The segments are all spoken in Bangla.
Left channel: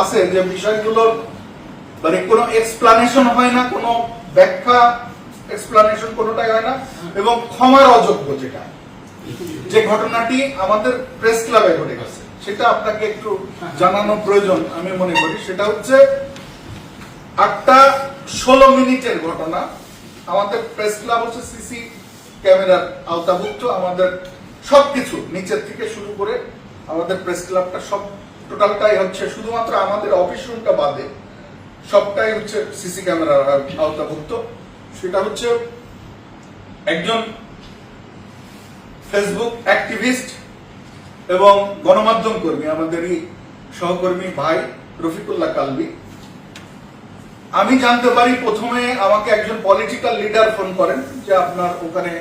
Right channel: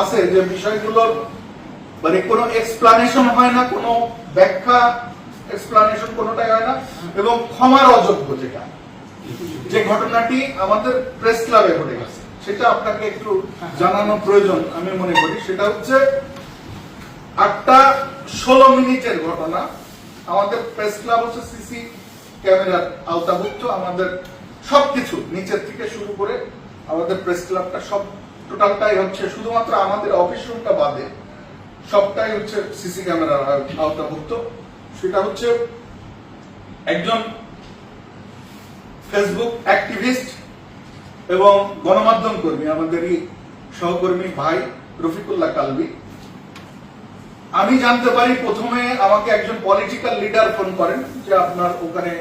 আছে যে বিষয়গুলোর মানে কোনো এক্সপ্লানেশন হয় না, কোনো ব্যাখ্যা এক্সপ্লানেশন কোনোটাই হয় না, এবং ক্ষমার অযোগ্য যেটা, যে ঘটনাটি আমাদের প্রেস ক্লাবে ঘটে গেছে, সেটা আপনাকে একটু জানানো প্রয়োজন আমি মনে করি। সেটা হচ্ছে আটটা ষোলো মিনিটের ঘটনা। আমাদের প্রেস ক্লাব হচ্ছে সিসি ক্যামেরার আওতাভুক্ত। আমাদের সবকিছু নিচের থেকে শুরু করে আমাদের প্রেস ক্লাবটা সব টোটালটাই হচ্ছে শুধুমাত্র আমাদের অফিস রুমটা বাদে সবটাই হচ্ছে সিসি ক্যামেরার আওতাভুক্ত। সেটা হচ্ছে একজন ফেসবুক অ্যাক্টিভিস্ট এবং গণমাধ্যম কর্মী, আমাদেরই সহকর্মী ভাই রফিকুল্লাহ কালবি। আমি জানতে পারি প্রথমে আমাকে একজন পলিটিক্যাল লিডার ফোন করেন যে আপনার ওখানে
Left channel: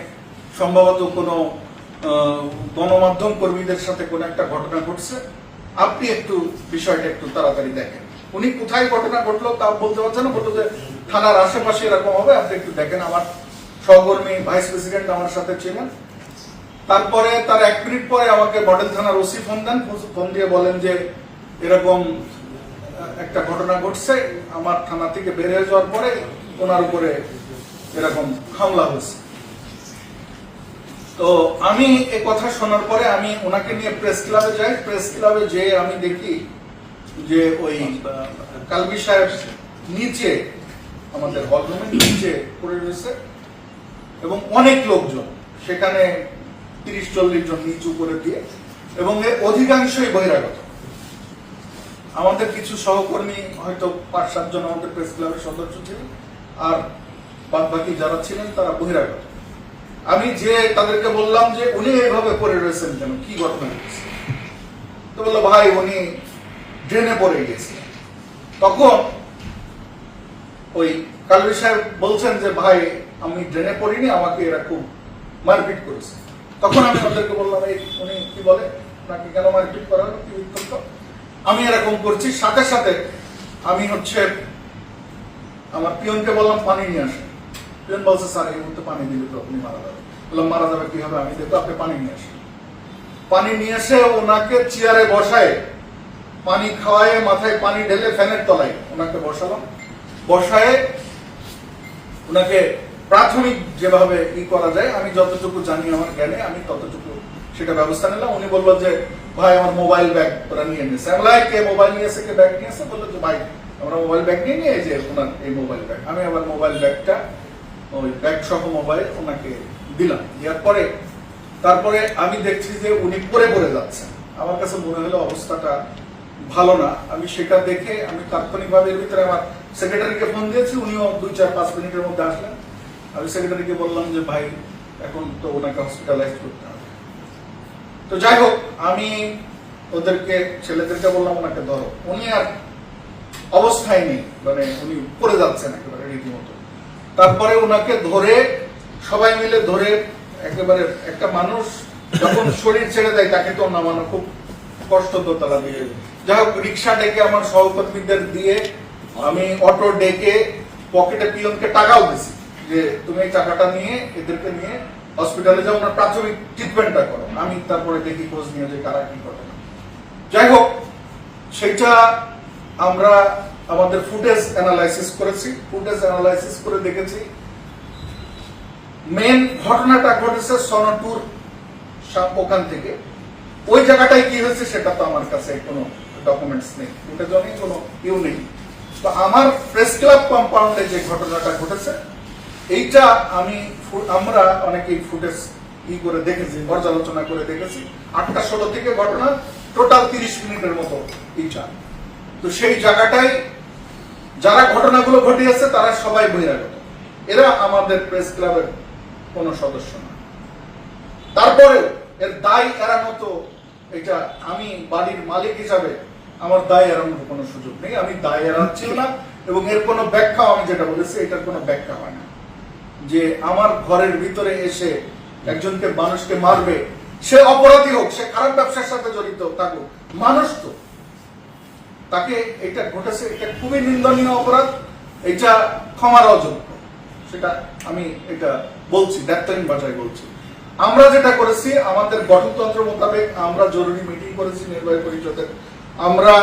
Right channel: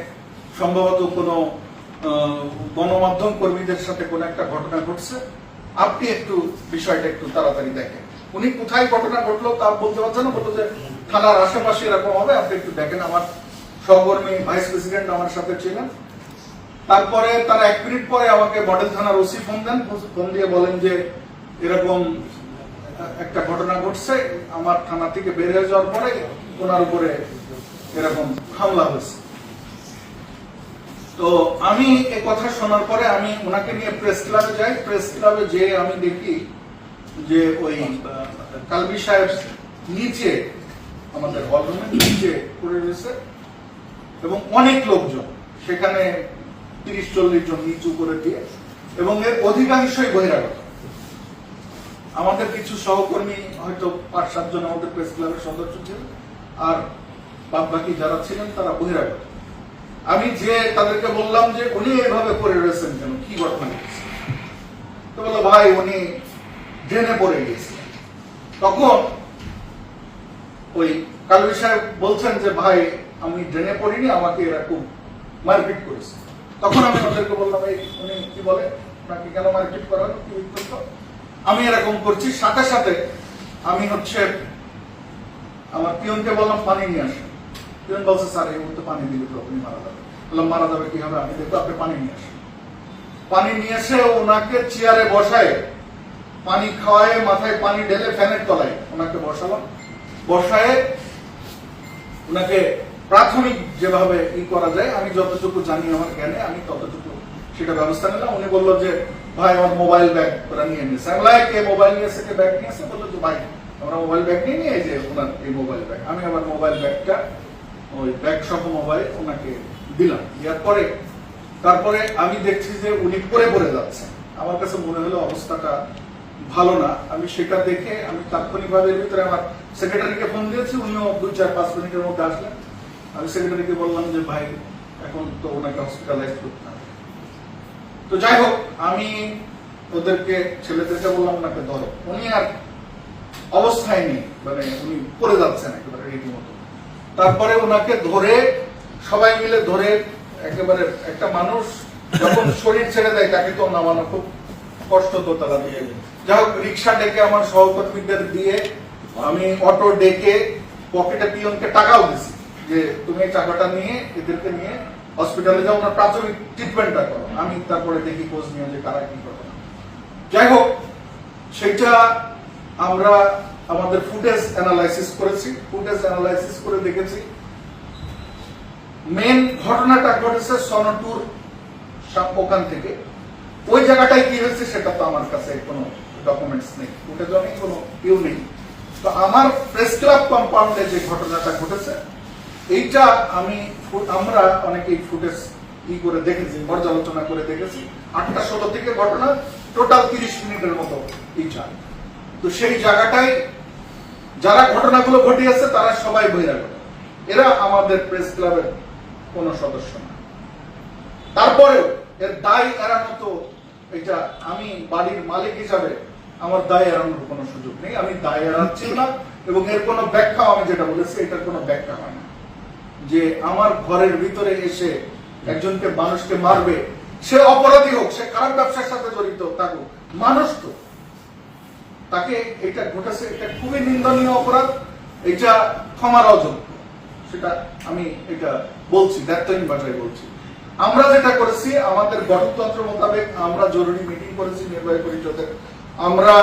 সম্ভবত কোনো গণমাধ্যম কর্মীদের সাথে কোনো একটা ঘটনা ঘটছে। আপনি একটু বিষয়টা একটু তাড়াতাড়ি দেখেন। উনি কোথায় ঘটনা ঘটলো তা বলতে পারছেন বলতো যে থানার আশেপাশে এরকম হবে, আপনি একটু দেখেন। আমার সহকর্মী, ভাইস প্রেসিডেন্ট আমার সাথে ছিলেন। তারপরে তার এক মিনিট পরে আমাকে মডেল থানার ওসি ফোন দেন। ফোন দিয়ে বলেন যে এরকম একটা ঘটনা ঘটছে, আমার থানা থেকে বেরিয়ে যাওয়ার পরে ওনার উপরে এরকম হামলা হয়েছে। তো আমি এ কথা শোনার পরে আমি ওনাকে নিয়ে প্রেস ক্লাবে যাই। প্রেস ক্লাবে যে আমি দেখি যে ওই কালবি সাহেব নিচে, আমাদের হলরুমের নিচে পড়ে রয়েছে এবং অনেক লোকজন। সেখানে তিরিশ, চল্লিশ জন নিচু করে দিয়ে এবং এর অধিকাংশই বহিরাগত। আমাদের কিছু সহকর্মী হয়তো পাঁচ সাতজন আমাদের প্রেস ক্লাবের সদস্য ছিলেন আর বাদ বাকি যারা ছিলেন তারা বহিরাগত। আমি যে তাদেরকে বললাম যে উনি এইভাবে পড়ে রয়েছেন কেন? কি ঘটনা তো বলল, ভাই, উনি ড্রেনে পড়ে গিয়েছিলেন। তখন ওই কালবি সাহেব বলছেন যে, ভাই, আমি ড্রেনে পড়িনি, আমাকে এরা খুব মারপিট করেছে। তখন আমি ওদেরকে বললাম উনি কি বলে? আপনাকে কেন মারপিট করা হলো? কি উত্তর আমি এরকম করছি, সাথে সাথে আমি হচ্ছে আমার পিয়নকে বললাম, পানি নিয়ে আসেন। পিয়ন বলছে, স্যার, এই মুহূর্তে পানি দিলে তো আপনি মারা যাবে মারা যাবে কি হবে আমি দেখব আপনি পানি নিয়ে আসেন। পানি নিয়ে এসে ওনাকে চেয়ারে বসায় পানি খাওয়ায় মাথায় পানি ঢেলে ফ্যানের তলায় ওনাকে বসালাম। বসায় ওনাকে প্রাথমিক যেভাবে ই করা যায় আমি যতটুকু জানি আমার জ্ঞানে আমি ততটুকু সেটা ব্যবস্থা নিলাম। উনি বলল যে ভাই আমার মোবাইল ব্যাগ ওরা নিয়ে নিয়েছে। আমি "এই, কে মোবাইল নিয়ে এসে কে ব্যাগ নিয়ে এসে? বলল যে ভাই আমরা মোবাইল ব্যাগ নিয়ে নিয়ে যে ওনার এই মোবাইল ব্যাগ। আমি আমার মোবাইল ব্যাগটা ওই ব্যাগ সহ মোবাইল ওনাকে দিলাম। দেওয়ার পরে তারপরে আমি দেখছি যে উনি পড়ে পড়ে যাচ্ছে। আমার কাছে মনে হলো অবস্থাটা ভালো না। আমি সেটা দেখে আমি তাৎক্ষণিকভাবে এর ভিতরে আমার সেক্রেটারিকে ফোন দিয়েছি। উনিও দুই, চার, পাঁচ মিনিটের মধ্যে আসলেন। আমি সেক্রেটারিকে বললাম যে, ভাই, এখন তো ওনাকে হসপিটালাইজ করতে হবে। তো যাই হোক, আমি ওদেরকে, ছেলেদেরকে বললাম, ওনাকে ধরো। উনি আর অবস্থায় নেই। মানে উনি পড়ে যাচ্ছেন একেবারে রীতিমতো। তারপরে ওনাকে ধরে সবাই মিলে ধরে একেবারে একটা মানুষ যখন শরীর ছেড়ে দেয়, তাকে তো নামানো খুব কষ্ট তো তারা দিয়ে যাই হোক, রিক্সা ডেকে আমার সহকর্মীদের দিয়ে আমি অটো ডেকে পকেটে পিয়নকে টাকাও দিছি যে, তুমি এই টাকাটা নিয়ে এদেরকে নিয়ে হসপিটালে যাও, ওনার প্রাথমিক ট্রিটমেন্টটা করো। আমি তারপরে দেখি খোঁজ নিয়ে যে কারা কি ঘটনা। যাই হোক সেটা আমরা আমাদের ফুটেজ অ্যানালাইসিস করেছি। ফুটেজ অ্যানালাইসিস করে দেখেছি। মেন ঘটনাটা ঘটেছে সনটুর ওখান থেকে। ওই জায়গাটায় কি হয়েছে সেটা তো আমার কাছে কোনো ডকুমেন্টস নেই। ফুটেজ নেই কোনো ইউ নেই। তো আমার প্রেস ক্লাব কম্পাউন্ডে যে ঘটনাটা ঘটেছে, এইটা আমি আমরা অনেকেই ফুটেজ ই করে দেখেছি পর্যালোচনা করে দেখেছি। আটটা ষোলো থেকে ঘটনা টোটাল তিরিশ মিনিটের মতো এইটা। তো সেই জায়গাটায় যারা ঘটনাগুলো ঘটিয়েছে তারা সবাই বহিরাগত। এরা আমাদের প্রেস ক্লাবের কোন সদস্য না। তারপরেও এর দায় এড়ানো তো এটা আমি বাড়ির মালিক হিসাবে আমার দায় এড়ানোর কোনো সুযোগ নেই। আমি দায় এড়াচ্ছি না এবং এর কোনো ব্যাখ্যা আমি যেটা বলেছি, এটার কোনো ব্যাখ্যা হয় না। যে আমার ঘরের ভিতরে এসে একজনকে মানুষকে মারবে, সে অপরাধী হোক, সে খারাপ ব্যবসার সাথে জড়িত থাকুক, মানুষ তো। তাকে এটা ঘটেছে, এটা খুবই নিন্দনীয় অপরাধ, এটা ক্ষমার অযোগ্য। সেটা আমি এটা বলছি দায়িত্বহীন ভাষায় বলছি। আমরা যেটা করেছি, আমাদের গঠনতন্ত্র মোতাবেক আমরা জরুরি মিটিং করেছি, নির্বাহী পরিষদের। আমরা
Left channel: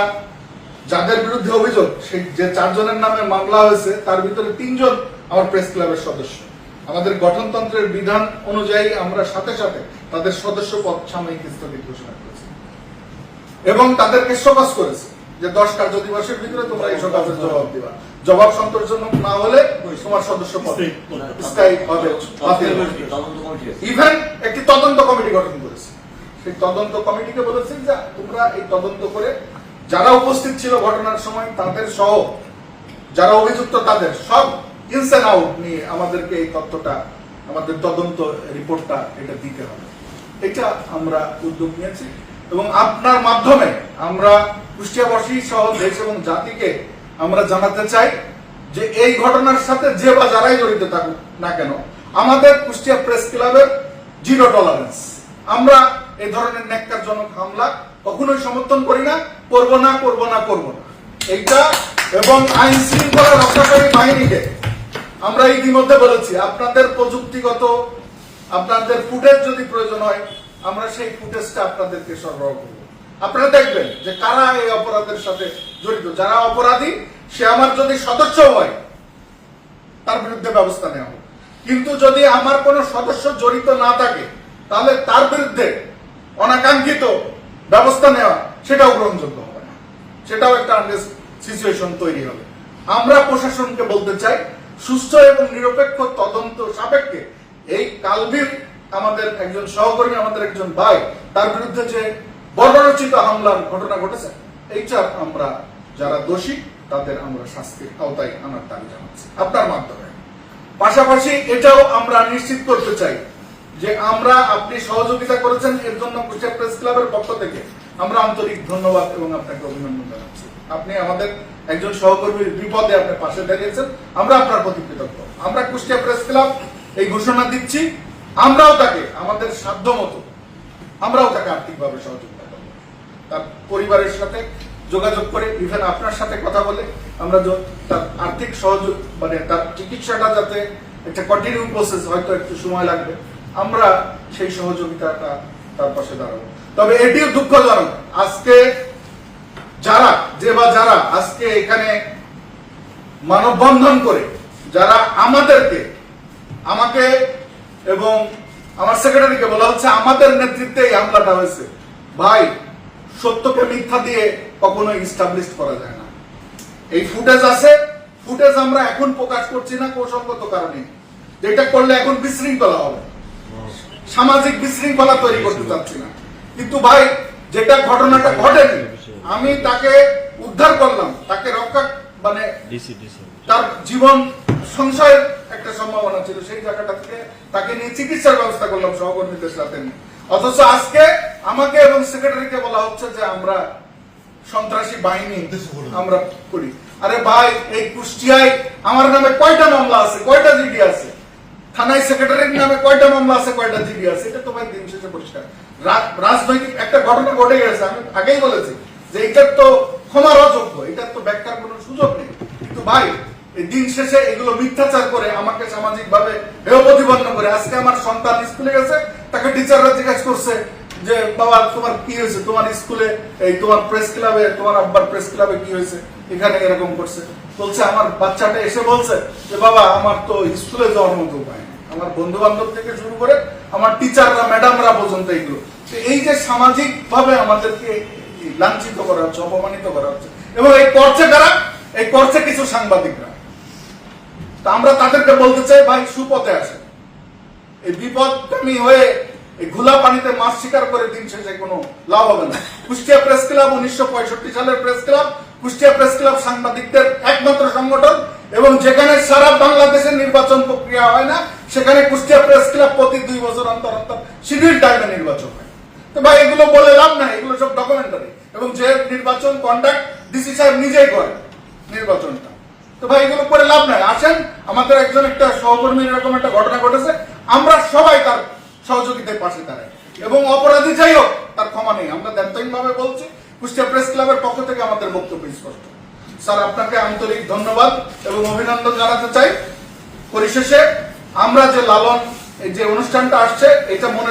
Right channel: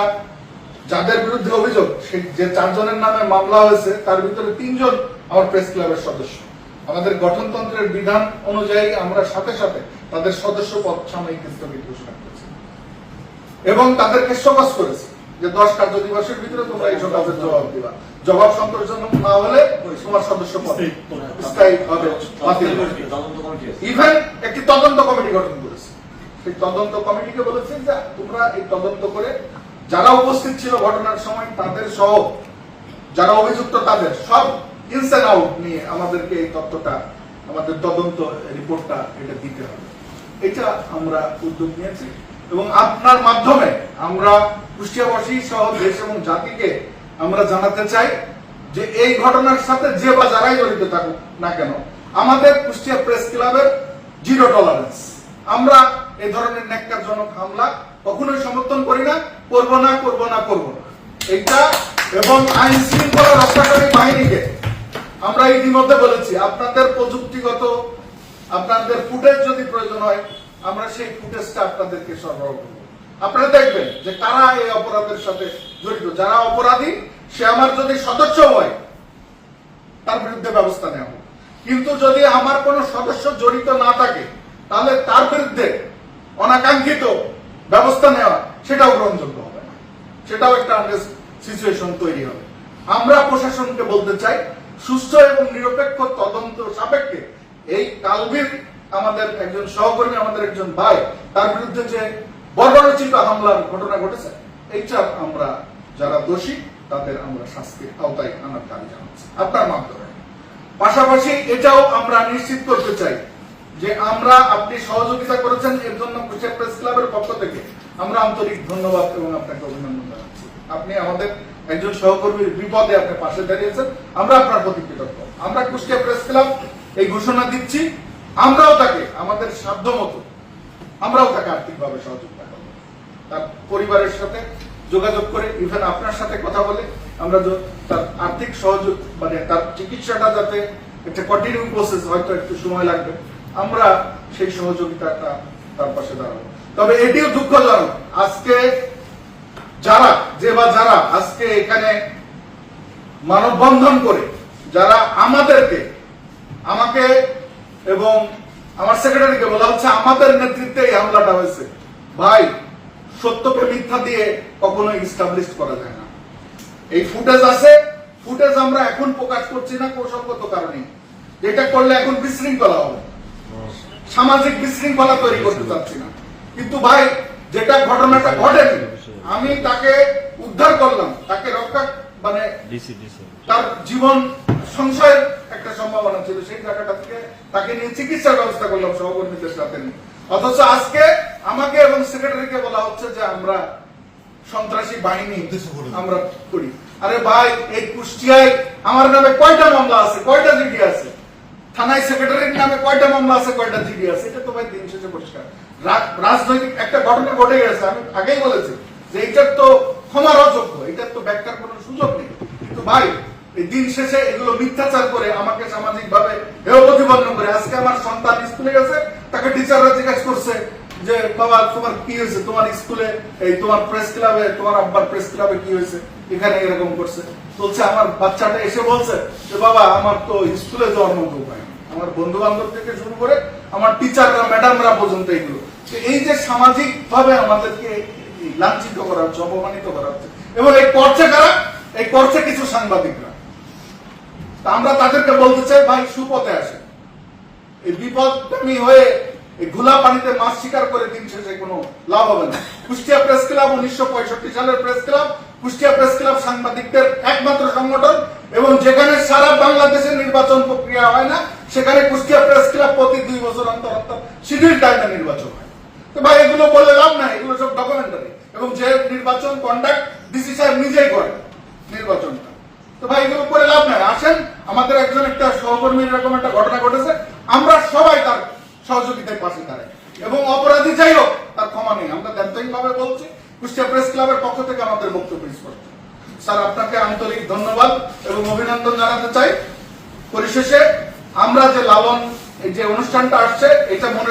যাদের বিরুদ্ধে অভিযোগ, সেই যে চারজনের নামে মামলা হয়েছে, তার ভিতরে তিনজন আমার প্রেস ক্লাবের সদস্য। আমাদের গঠনতন্ত্রের বিধান অনুযায়ী আমরা সাথে সাথে তাদের সদস্য পদ সাময়িক স্থগিত ঘোষণা করেছি। এবং তাদেরকে সকাজ করেছে। যে দশ কার্য দিবসের ভিতরে তোমরা এই সকাজের জবাব দিবা। জবাব সন্তোষজনক না হলে তোমার সদস্য পদ স্থায়ী হবে বাতিল হবে। তদন্ত কমিটি আছে। ইভেন একটি তদন্ত কমিটি গঠন করেছে। সেই তদন্ত কমিটিকে বলেছে যে তোমরা এই তদন্ত করে যারা উপস্থিত ছিল ঘটনার সময় তাদের সহ যারা অভিযুক্ত তাদের সব ইনস আউট নিয়ে আমাদেরকে এই তথ্যটা আমাদের তদন্ত রিপোর্টটা এটা দিতে হবে। এটা আমরা উদ্যোগ নিয়েছি এবং আপনার মাধ্যমে আমরা কুষ্টিয়াবাসী সহ দেশ এবং জাতিকে আমরা জানাতে চাই যে এই ঘটনার সাথে যে বা যারাই জড়িত থাকুক না কেন, আমাদের কুষ্টিয়া প্রেস ক্লাবের জিরো টলারেন্স। আমরা এই ধরনের ন্যাক্কারজনক হামলা কখনোই সমর্থন করি না, করব না করব না করব না। এইটা এবং আইন শৃঙ্খলা রক্ষাকারী বাহিনীকে আমরা ইতিমধ্যে বলেছি, আপনাদের প্রযুক্তিগত, আপনাদের ফুটেজ যদি প্রয়োজন হয়, আমরা সেই ফুটেজটা আপনাদেরকে সরবরাহ করব। আপনারা দেখবেন যে কারা এই অপরাধের সাথে জড়িত? যারা অপরাধী, সে আমার যদি সদস্য হয়, তার বিরুদ্ধে ব্যবস্থা নেওয়া হোক। কিন্তু যদি আমার কোনো সদস্য জড়িত না থাকে, তাহলে তার বিরুদ্ধে অনাকাঙ্ক্ষিত ব্যবস্থা নেওয়া, সেটাও গ্রহণযোগ্য হবে না। সেটাও একটা সিচুয়েশন তৈরি হবে। আমরা প্রশাসনকে বলতে চাই সুস্থ এবং নিরপেক্ষ তদন্ত সাপেক্ষে এই কালবির আমাদের একজন সহকর্মী, আমাদের একজন ভাই, তার বিরুদ্ধে যে বর্বরচিত হামলার ঘটনা ঘটেছে। এইটার আমরা যারা দোষী, তাদের আমরা শাস্তির আওতায় আনার দাবি জানাচ্ছি। আপনার মাধ্যমে। পাশাপাশি এটাও আমরা নিশ্চিত করতে চাই যে আমরা আপনি সহযোগিতা করেছেন, এর জন্য কুষ্টিয়া প্রেস ক্লাবের পক্ষ থেকে আমরা আন্তরিক ধন্যবাদ এবং আপনাকে অভিনন্দন জানাচ্ছি। আপনি আমাদের একজন সহকর্মীর বিপদে আপনি পাশে দাঁড়িয়েছেন, আমরা আপনার প্রতি কৃতজ্ঞ। আমরা কুষ্টিয়া প্রেস ক্লাব এই ঘোষণা দিচ্ছি, আমরাও তাকে, আমাদের সাধ্য মতো আমরাও তাকে আর্থিকভাবে সহযোগিতা তার পরিবারের সাথে যোগাযোগ করে ইভেন আপনার সাথে কথা বলে, আমরা তার আর্থিক সহযোগ মানে তার চিকিৎসাটা যাতে একটা কন্টিনিউ প্রসেস হয়তো একটু সময় লাগবে, আমরা সেই সহযোগিতাটা তার পাশে দাঁড়াবো। তবে এটিও দুঃখজনক, আজকে যারা, যে বা যারা আজকে এখানে মানববন্ধন করে, যারা আমাদেরকে, আমাকে এবং আমার সেক্রেটারিকে বলা হচ্ছে, আমাদের নেতৃত্বে এই হামলাটা হয়েছে। ভাই সত্যকে মিথ্যা দিয়ে কখনো ইস্টাবলিশ করা যায় না। এই ফুটেজ আছে ফুটেজ আমরা এখন প্রকাশ করছি না কৌশলগত কারণে। যেটা করলে এখন বিশৃঙ্খলা হবে। সামাজিক বিশৃঙ্খলা তৈরি করতে চাচ্ছি না। কিন্তু ভাই যেটা ঘটনাটা ঘটেনি আমি তাকে উদ্ধার করলাম তাকে রক্ষা মানে তার জীবন সংশয়ের একটা সম্ভাবনা ছিল। সেই জায়গাটা থেকে তাকে নিয়ে চিকিৎসার ব্যবস্থা করলাম সহকর্মীদের সাথে। অথচ আজকে আমাকে এবং সেক্রেটারিকে বলা হচ্ছে যে আমরা সন্ত্রাসী বাহিনী আমরা করি। আরে ভাই এই কুষ্টিয়ায় আমার নামে কয়টা মামলা আছে? কয়টা জিডি আছে? থানায় সেক্রেটারির নামে কয়টা মামলা আছে কয়টা জিডি আছে? এটা তো ভাই দিন শেষে পরিষ্কার। রাজনৈতিক একটা ঘটনা ঘটে গেছে আমি আগেই বলেছি যে এটার তো ক্ষমার অযোগ্য এটার তো ব্যাখ্যার কোনো সুযোগ নেই। কিন্তু ভাই দিন শেষে এগুলো মিথ্যাচার করে আমাকে সামাজিক ভাবে প্রতিপন্ন করে আজকে আমার সন্তান স্কুলে গেছে তাকে টিচাররা জিজ্ঞাসা করছে যে, বাবা, তোমার কি হয়েছে? তোমার স্কুলে, এই তোমার প্রেস ক্লাবে তোমার আব্বার প্রেস ক্লাবে কি হয়েছে? এখানে এরকম করছে। বলছে, আমার বাচ্চাটা এসে বলছে যে, বাবা, আমার তো স্কুলে যাওয়ার মতো উপায় আমার বন্ধু বান্ধব থেকে শুরু করে আমার টিচাররা, ম্যাডামরা পর্যন্ত এগুলো। এই যে সামাজিক ভাবে আমাদেরকে লাঞ্ছিত করা হচ্ছে, অপমানিত করা হচ্ছে, এবং এই করছে কারা? এই করছে কিছু সাংবাদিকরা। আমরা তাদেরকে বলতে চাই, ভাই, সুপথে আসে এই বিপদগামী হয়ে এই ঘোলা পানিতে মাছ শিকার করে দিন শেষে কোনো লাভ হবে না। কুষ্টিয়া প্রেস ক্লাব উনিশশো পঁয়ষট্টি সালের press club, Kushtia press club সাংবাদিকদের একমাত্র সংগঠন এবং যেখানে সারা বাংলাদেশের নির্বাচন প্রক্রিয়া হয় না, সেখানে কুষ্টিয়া প্রেস ক্লাব প্রতি দুই বছর অন্তর অন্তর শিডিউল টাইমে নির্বাচন হয়। তো ভাই, এগুলো বলে লাভ নাই, এগুলো সব ডকুমেন্টারি এবং যে নির্বাচন কন্ডাক্ট ডিসি সাহেব নিজেই করে নির্বাচনটা। তো ভাই এগুলো করে লাভ নাই। আসেন, আমাদের একজন একটা সহকর্মীর এরকম একটা ঘটনা ঘটেছে। আমরা সবাই তার সহযোগিতায় পাশে দাঁড়ায়। এবং অপরাধী যাই হোক, তার ক্ষমা নেই। আমরা দায়িত্বহীন ভাবে বলছি, কুষ্টিয়া প্রেস ক্লাবের পক্ষ থেকে আমাদের বক্তব্য স্পষ্ট স্যার, আপনাকে আন্তরিক ধন্যবাদ এবং অভিনন্দন জানাতে চাই। পরিশেষে আমরা যে লালন যে অনুষ্ঠানটা আসছে, এটা মনে